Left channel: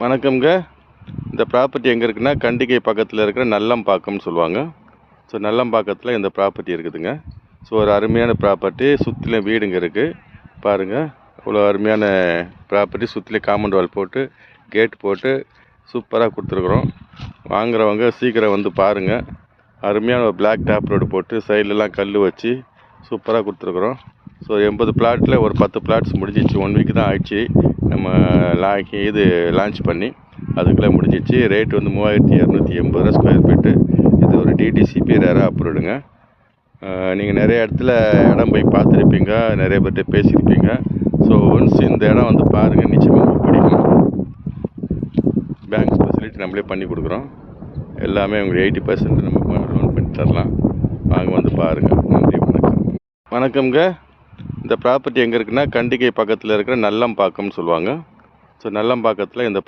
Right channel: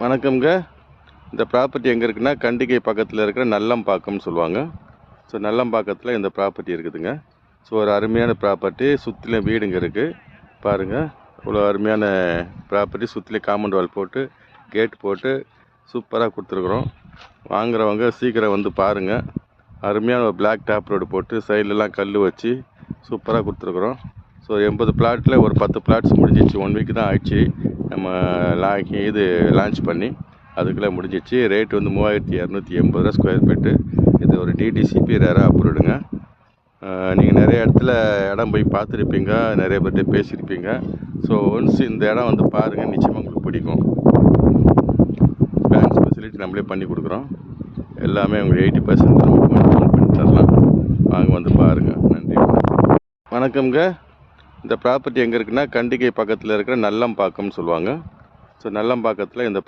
வணக்கம்ங்க. இந்த ப்ராப்பர்ட்டி எங்கே இருக்குன்னா, கண்டிகை பக்கத்தில் இருக்கிற நல்லம்பாக்கம்னு சொல்லுவாங்க. ஸோ நல்லம்பாக்கத்தில் இந்த ப்ராப்பர்ட்டி இருக்குதுங்க. ஸோ ஒரு அருமையான ப்ராப்பர்ட்டி, சுற்றிலும் வீடுங்க இருக்குது. பாருங்கள், இவ்வளோ அருமையான ப்ராப்பர்ட்டி, சுற்றிலும் காம்பவுண்ட் வால் போட்டு கேட் போட்டு சூப்பராக கொடுத்துருக்குறோம். வாங்குறவங்க சீக்கிரம் வந்து பாருங்கள். அருமையான ஒரு பிளாக் டாப் ரோடு போட்டு சைட்லலாம் கல் வச்சு சூப்பராக கொடுத்துருக்குறோம். ஸோ 80 பிளாட்டில் ஒரு 10 பிளாட்ஸ் முடிஞ்சிச்சு. 1 வீக் தான் ஆயிடுச்சு நம்ம லான்ச் பண்ணி. அதுக்குள்ளே முடிஞ்சிச்சு. ரேட் வந்து 3280 ரூபா ஸ்கொயர் ஃபீட்டு. இது ஒரு டிடிசிபி ரேராக அப்ரூவ்டுங்க. நீங்கள் நிறைய இடத்துல இடம் போய் பார்த்துருப்பீங்க, நிறைய பேர்கிட்ட பேசியிருப்பீங்க. ஸோ ஒன்ஸ் இந்த இடம் வந்து பாருங்கள், நிச்சயமாக உங்களுக்கு பிடிக்கும். பேங்க் ஃபெசிலிட்டி நம்மளே பண்ணி கொடுக்குறோம். எல்லாமே உங்களுக்கு 80% நம்ம ஃபோன் பண்ணி தரலாம். வாங்க வந்து பாருங்கள். நன்றி, வணக்கம். வணக்கம்ங்க. இந்த ப்ராப்பர்ட்டி எங்கே இருக்குன்னா, கண்டிகை பக்கத்தில் இருக்கிற நல்லம்பாக்கம்னு சொல்லுவாங்க. ஸோ நல்லம்பாக்கத்தில் இந்த